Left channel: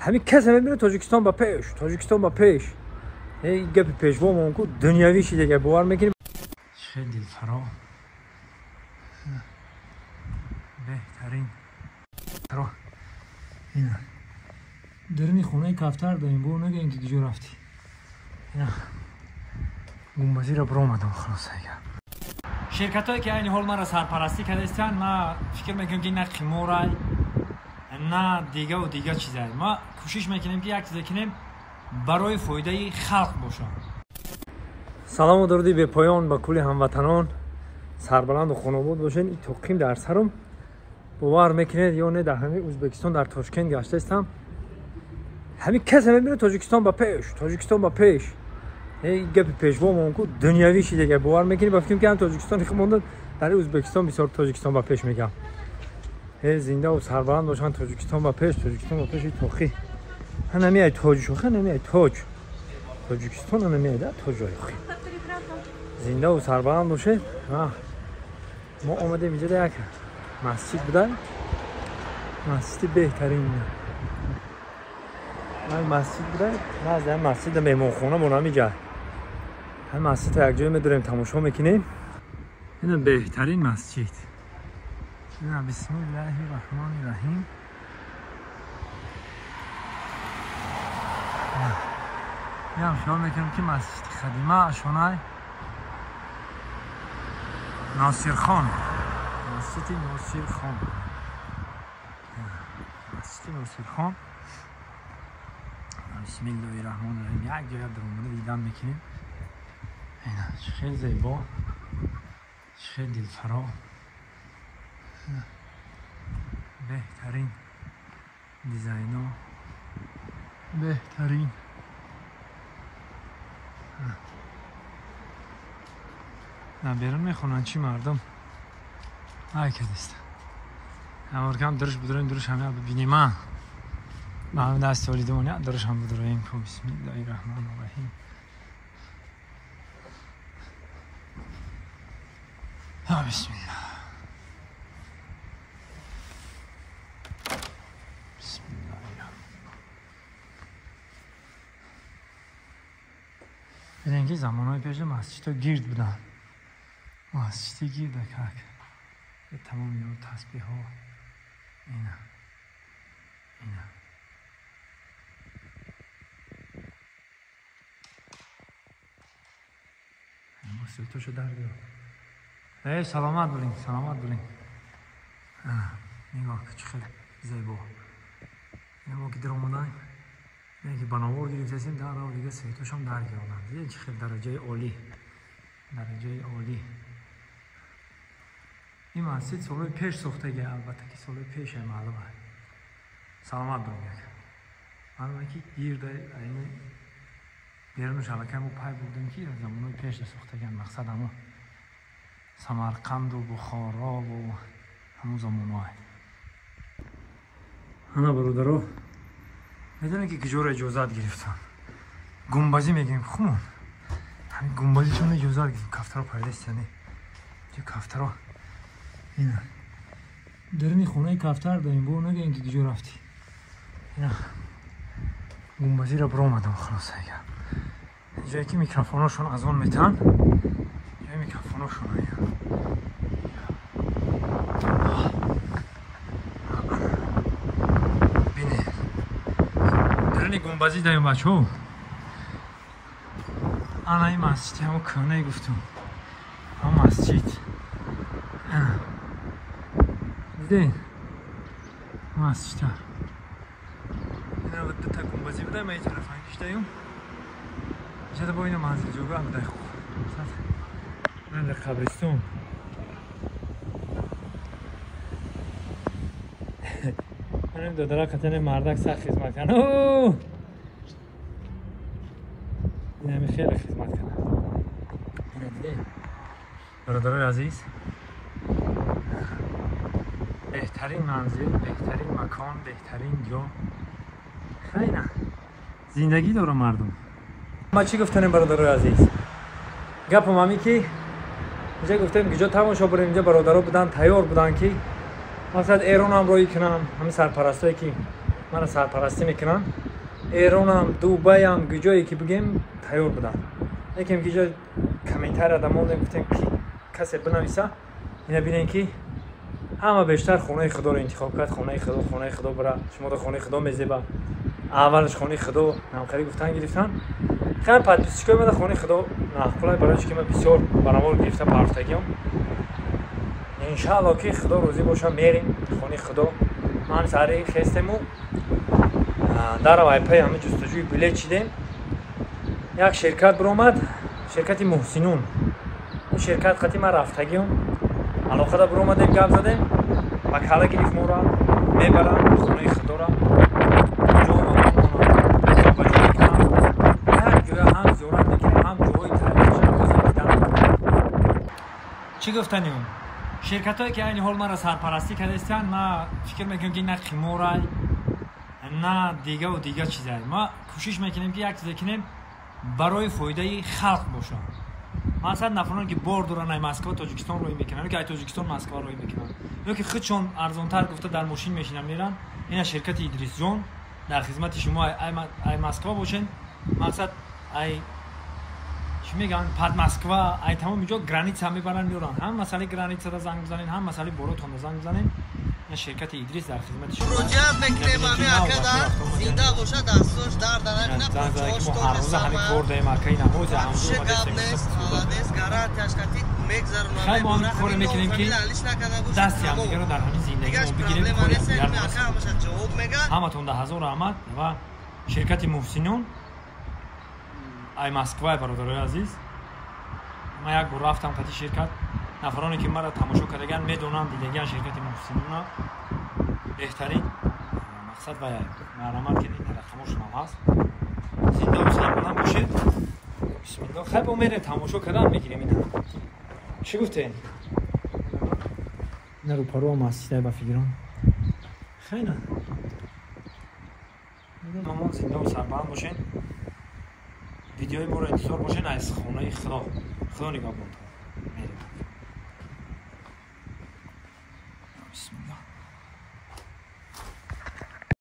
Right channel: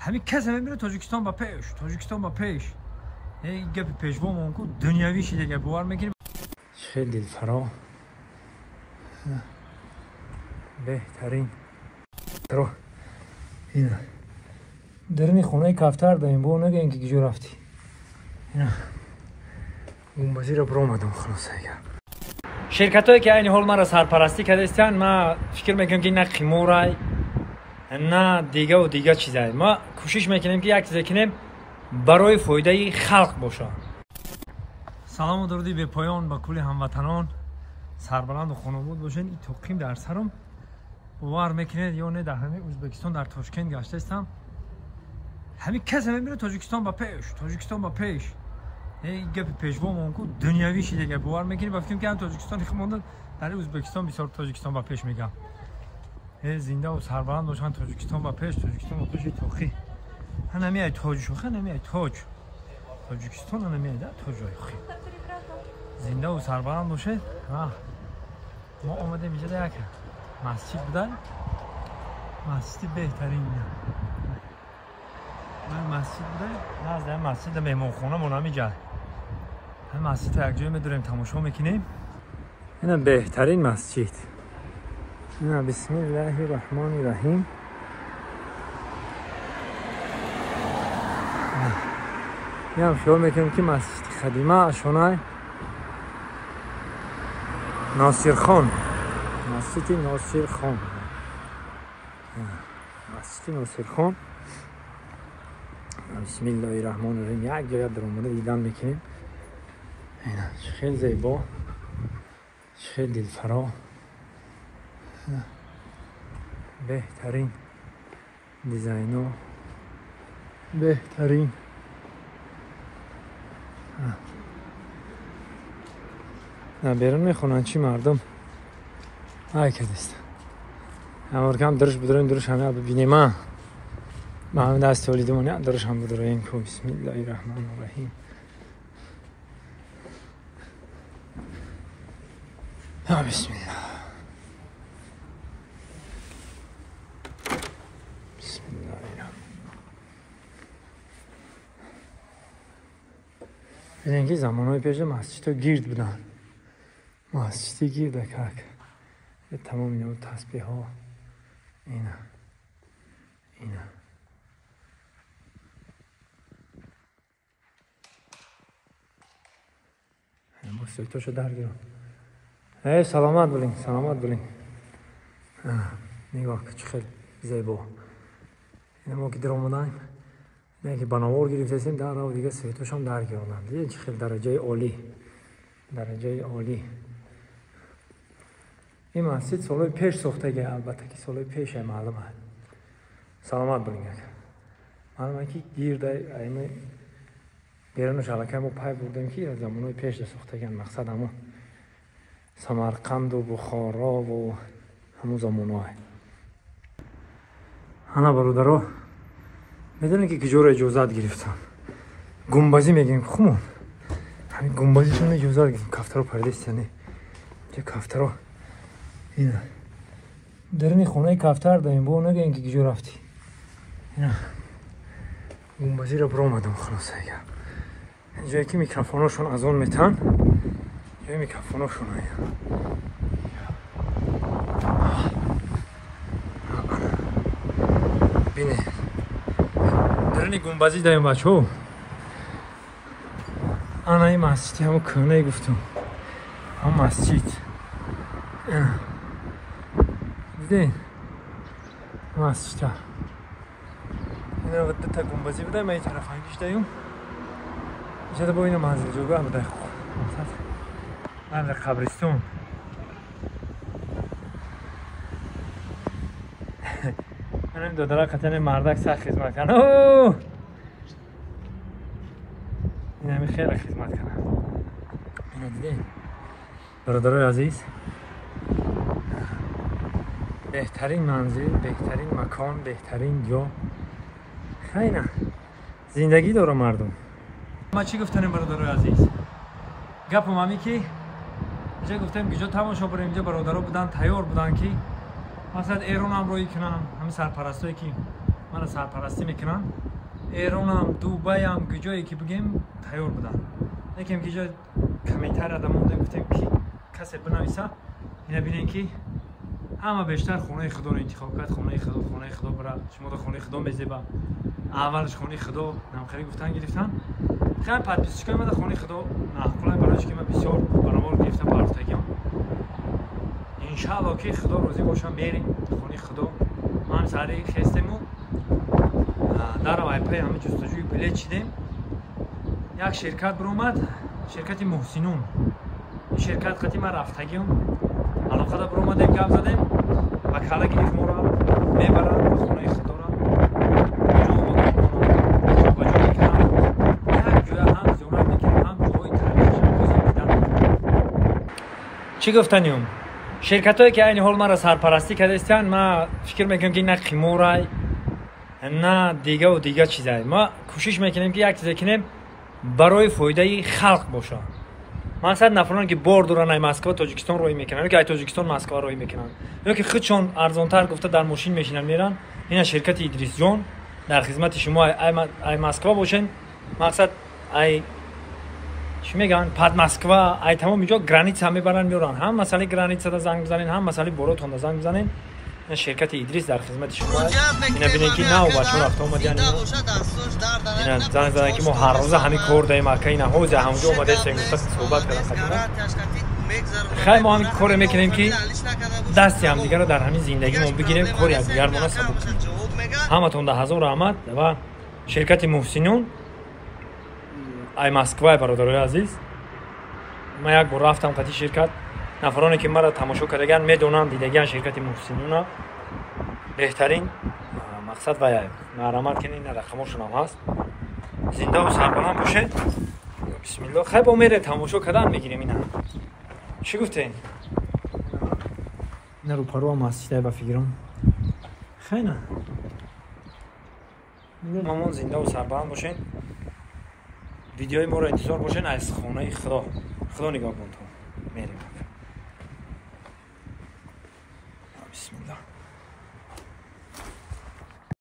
همین کسی میبینه تاجیکستان با پیش، تاجیکستان با پیش. هی گپ پیشوا مونکو دنیوی شی دیگه باور میکنی. خیلی دلفرا بهترین رو اینا درنی خونه کفتر داریم بو نگه اینکه کجا رفتی. اینا گنبدی رو برو اومدم خلاص دیگه. شرکت هایی که این حال ما را سرپرستی کرده استن ما فکر میکنم که نه قیمورای نه دیگه و دیگه چیزایی. ما کوشش میکنیم که یک چیزی کنیم برای فایده خلق باشه. سلام و درودی به پایان با کل هموطنان سربلند و خانواده باشین. این توقیم در سرم باور میکنید یا نه در همین ازبکستان در تاشکند گشته استم. همین کسی میبینه تاجیکستان با پیش، تاجیکستان با پیش. هی گپ پیشوا مونکو دنیوی شی دیگه باور میکنی. با فکر میکنم تاجیکستان خمونده در ازبکستان بسیار تاجیکستان با پیش میگم. هی زنده و سربلند باشن تاجیکستان با پیش، تاجیکستان با پیش توقی. نمیای تاج شوخه نمیای تاج. تاجیکستان نمیای در تاج آخی. زنده و سربلند باشه. ما اومدیم اینجا یک مسجد بدن. مسجد بهترین من مسجد بوده نه از این مسجد مهمانخانه مون میگه. هم مسجد رو یک جای میداریم تماشا میکنیم. اینا بهترین مسجد. اینا بسم الله الرحمن الرحیم. میام خیال میکنم که مسجد خدیمه اشانه ناصر خان، مسجد ناصر خان، مسجد ناصر خان. بسم الله الرحمن الرحیم. یک جای در اومده دیدن میکنیم. خیلی زیبا، خیلی دلفرا، بهترین دیزاین ها، بهترین نه بیرون میخونن چی مردم های که دست همه کم درش بدرین درش همه ببینیم. ما همه دست تولیدمون درش هم بدرین که بسم الله الرحمن الرحیم. بسم الله بسم الله الرحمن. ببینید که زمانهای پیش مسجد گرد بودن. مسجد گرد که تمام اینا تسبیح ها اینا ما سویتاشو در گیرم. ای سلامت بولین، سلامت بولین. نگاه که چه خیلی زیبا. این ما که در آمدن نه که بناور گرفتیم در و دیگه سویتاش هم در گیردن. دیگه چه خیلی درجه عالی، درجه عالی. این مسجد سالهای پیش ساختگی، البته که سالهای پیش معلومه. سلامت بولین. معلومه که گیرده این بیرون شلکه ما پای بردیم که از زمانهای پیش ساختگی. مقصد همون سمرقند و بخارا و همون زمانهای. انا برادرها میدونی که کجا را اجازت گرفتن. گنبدی میگیم خمون. همین گنبدی چون اجازت گرفتن. کفتر رو پایلیست یعنی چه کفتر رو اینا درنی خونه کفتر داریم بو نگه اینکه کجا رفتی. اینا گنبدی رو برو اومدم خلاص دیگه. اینجایی که میکروفوناشون از اون میتن یه میکروفوناشون بینه درنی گنبدی داریم بچه ها. انا این مسجدی همون کنه گفتم هم مسجد دیدین مسجد ها این رو دو تا گنبدی بده. من این طرف هنگیش داریم اینجا با این منزل جوگه هم بده خوب منزل قبرستون. من این دادره قطعه مردک سخت خدمت کنه. این همین خیلی خدمت کنه. برادرای عزیز بهترین منزل، بهترین مکان، بهترین جا. خیلی زندگی داره مردم. ما چی گفتنیم برادرای عزیز؟ گپم همی که اینجا گفتیم کجا تماشا بریم. اینجا برادرها بودن تیار بودن که مثلا ایران هم روی کنم. همین سرپرستایی که مرا سرپرستی میکنن. ایران هم دوبای هم جایی که بگیم تیار بودن. یکم که جا کمیتر آدم گفتیم که کسی بنویسه اینا بینین که همه بیشتر خونه خدا رو انتخاب کرد. خونه خدا برای شما در خونه خدا میزیبه. اولش خونه خدا نامخری گفتن گرفتن. خیلی پادپیسچکای من در خونه خدا نخولای برای که من بسیار برامور گرفته پارتگیم. انشاءالله که خدا روزی باشه میریم خونه خدا. من سری خستم و در وایپای همه جستجوی بلیط چیدیم. یک شرکت برآمد، شرکت محسنون. این شرکت خطی من رفتگیم علاقه دا برآمدیم گپ زدیم وکاله گرفت ما را میبرن خونه خدا را هم زیارت میکنیم هم جوی چی گفتنیم؟ شرکت هایی که این حال مرا سرپرستی کردستن ما فکر میکنم که نه قیمورای نه دیگه و دیگه چیزایی. ما کوشش میکنیم که یک چیزی کنیم برای فایده خلق باشه. مثلا نفرانی که بار دوران مسکو تاجیکستان روی میکنن که تاجیکستان مسکو روی میکنن یا که خودشون ارزانتر گفته در ماشین میشینن میرن. این شرکت ادریس جان در خدمت شما ای مسکو باشین. مقصد ای چی میگن پاد مسکو ای تمام اینجا گرانیت هم میبرن میرن. هم مسئله گرانیت صدا زنگ بزنین هم مسئله باراتون زنگ بزنین. این شرکت ادریس در خدمت شما نبینید که نه بچه‌ها رفت اومدن زنگ که ما هر روز همین کار داریم که این حوزه همونجا اومده صحبت کنیم. خیلی ما همین کار میکنیم که دستی هم دیگه رو در همین زندگیمون بگیریم کاری از دیگر نکنیم. همتون ده هزار رحمت و شرکت محسنون ای مسکوای برادرای عزیز. ما یک بار رفتم قطعی شرکت نفرانی که مرا تماشا کردگان میدونن دیدگان شرکت محسنون بهترین مقصد و نرمال کنین رقمشون هم هست. زنده و سربلند باشه. بسم الله. خیلی با میره تماشا کردن میگیریم اینا. چی گفتین؟ نه رو پرو هم هست با فکرم. خیلی نه. مامان زنده و سربلند باشین. ویدیوهای ما رو انتظار باشین از خانه خدا نگاه کن تو. میریم.